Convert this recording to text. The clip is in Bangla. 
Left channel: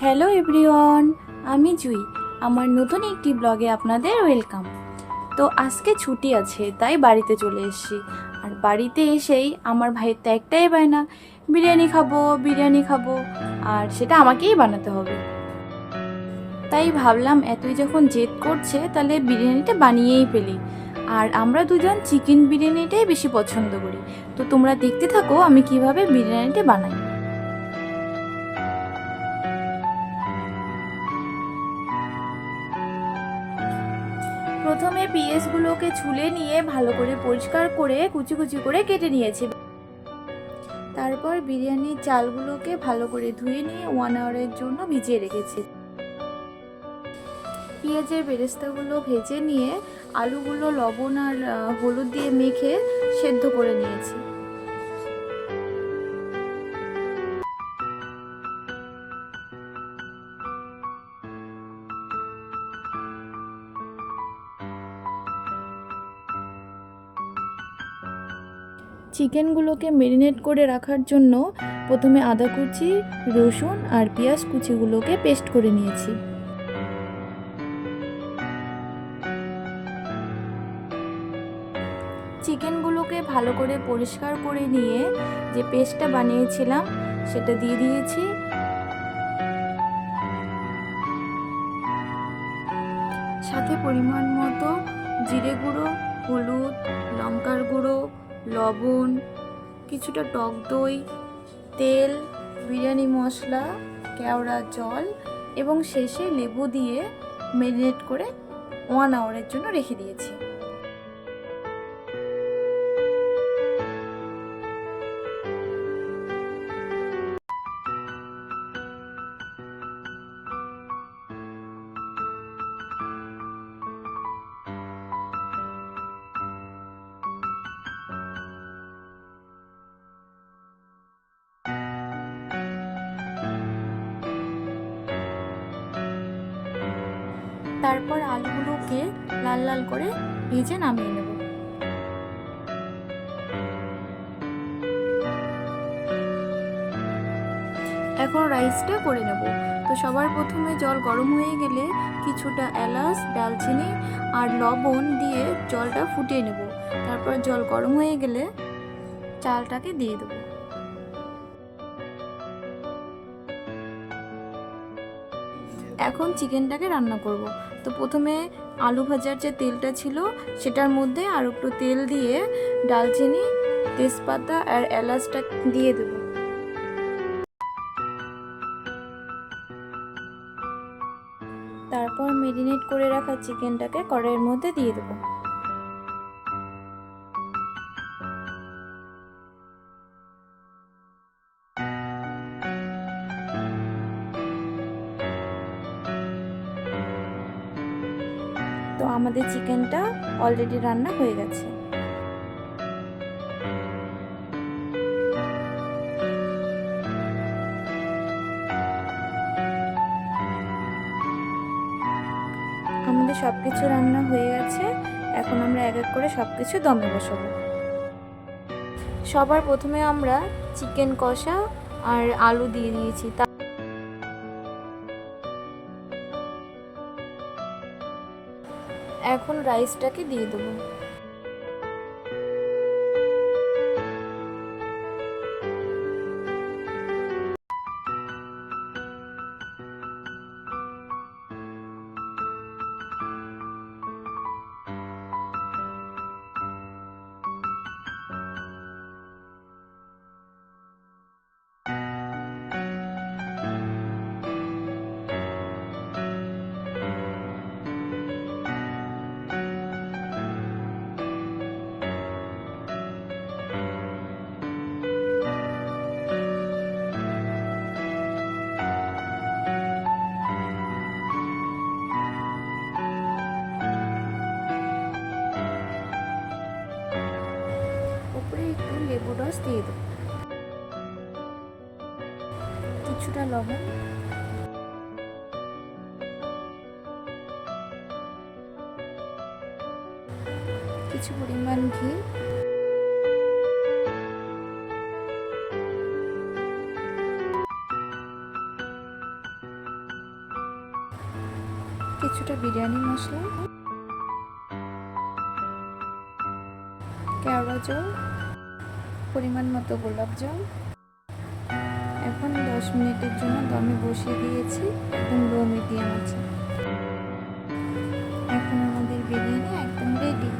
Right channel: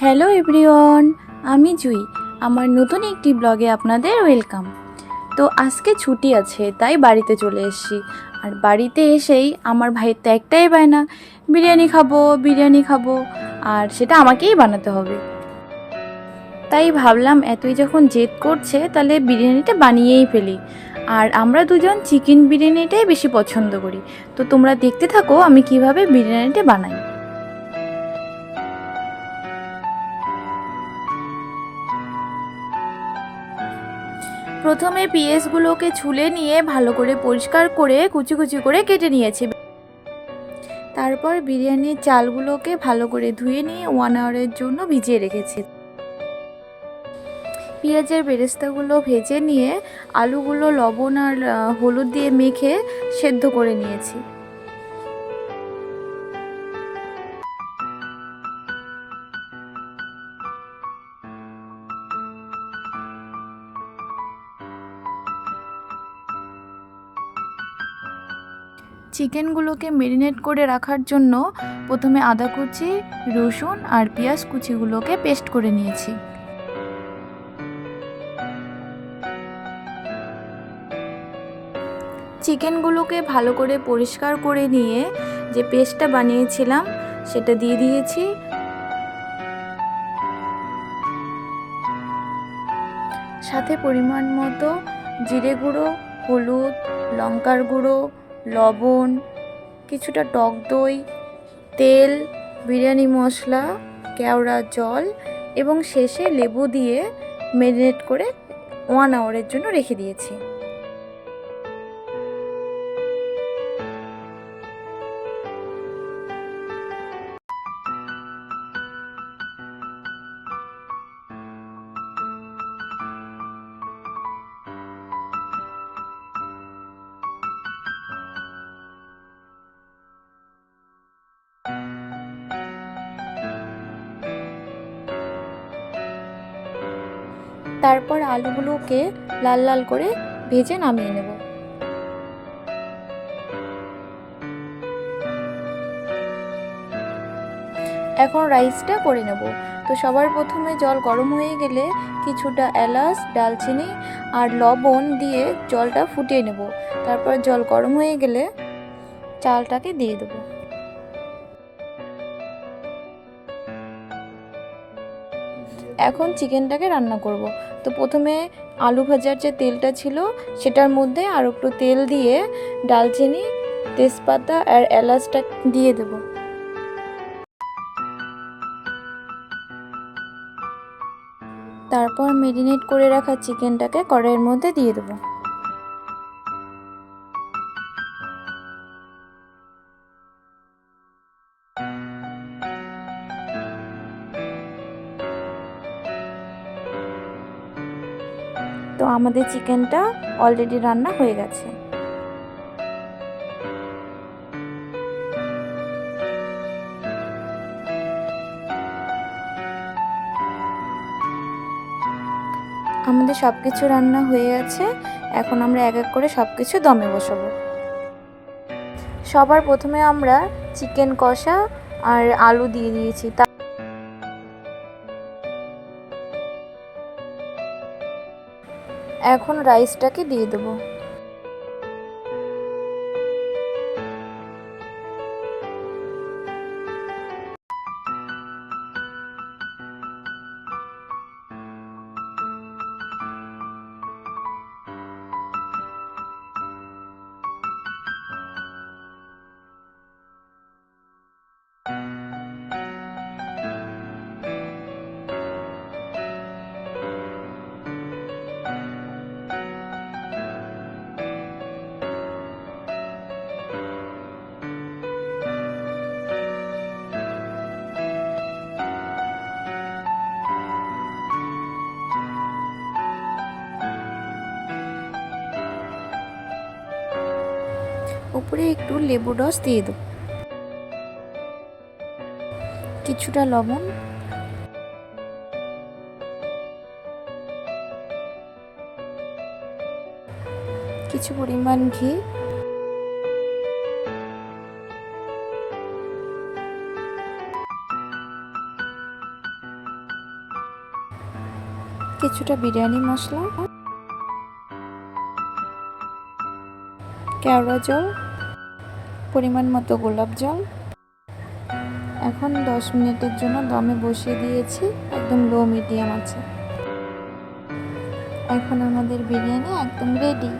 হ্যালো এভরিওয়ান, আমি জুই। আমার নতুন একটি ব্লগে আপনাদের ওয়েলকাম। তো আজকে ছুটি আছে, তাই বাড়িতে চলে এসেছি। আর বাড়িতে এসেই আমার ভাইয়ের তো একটাই বায়না, বিরিয়ানি খাব বিরিয়ানি খাব, আর সেটা আমাকেই বানাতে হবে। তাই ভাবলাম, এতই যখন জেদ করছে, তাহলে বিরিয়ানিটা বানিয়েই ফেলি। আর আমরা দুজন চিকেন বিরিয়ানিটাই বেশি পছন্দ করি। তো তোমরা দেখতে থাকো, আমি কীভাবে বিরিয়ানিটা বানাই। প্রথমে পিএসগুলোকে ছুলে নিয়ে ভালো করে পরিষ্কার করে কুচি কুচি করে কেটে নিয়েছি। তারপর বিরিয়ানির চালগুলোকে ভালো করে ধুয়ে নিয়ে ওয়ান আওয়ারের জন্য ভিজিয়ে রেখেছি। পেঁয়াজের বেরেস্তাগুলো ভেজে নিয়ে আলুগুলো লবণ আর হলুদ দিয়ে মেখে সেদ্ধ করে নিয়েছি। চিকেনগুলোকে মেরিনেট করে রাখার জন্য প্রথমে আদা কুচি, রসুন আর পেঁয়াজ কুচিগুলোকে পেস্ট করে নিয়েছি। চিকেনগুলোকে ভালো করে পরিষ্কার করে নিয়ে যে পেস্টটা বানিয়েছিলাম, সেটা দিয়ে দিয়েছি। সাথে পরিমাণ মতো জিরে গুঁড়ো, হলুদ, লঙ্কার গুঁড়ো লবণ, কিছুটা টক দই, তেল, বিরিয়ানি মশলা, কেওড়া জল এবং শেষে লেবু দিয়ে মেরিনেট করে ওয়ান আওয়ারের জন্য রেখে দিয়েছি। তারপর আলুগুলোকে লাল লাল করে ভেজে নামিয়ে নেব। এখন রাইসটা করে নেব। তো সবার প্রথমে জল গরম হয়ে গেলে কিছুটা এলাচ, ডালচিনি আর লবণ দিয়ে জলটা ফুটিয়ে নেব। তারপর জল গরম হয়ে গেলে চালটাকে দিয়ে দেবো। এখন চিকেনটাকে রান্না করব। তো প্রথমে আলু ভাজার যে তেলটা ছিল, সেটার মধ্যে আর একটু তেল দিয়ে ডালচিনি, তেজপাতা আর এলাচটা দিয়ে দেবো। তারপর মেরিনেট করে রাখা চিকেনটাকে কড়াইয়ের মধ্যে দিয়ে দেবো। তো আমাদের চিকেনটা অলরেডি রান্না হয়ে গেছে। আমাদের সব কিছু রান্না হয়ে গেছে এখন আমরা এক এক করে সব কিছু দমে বসাবো। সবার প্রথমে আমরা চিকেন কষা আর আলু দিয়ে দিয়েছি। এখন রাইসটাকে দিয়ে দেবো। উপরে একটু লেবু রস দিয়ে দেবো। কিছুটা লবণ। কিছু পরিমাণ ঘি। কিছুটা বিরিয়ানি মশলা। কেওড়া জল। পরিমাণ মতো গোলাপ জল। এখন দশ মিনিটের জন্য দমে বসিয়ে দিয়েছি, একদম লো মিডিয়াম আছে। এখন আমাদের বিরিয়ানি একদম রেডি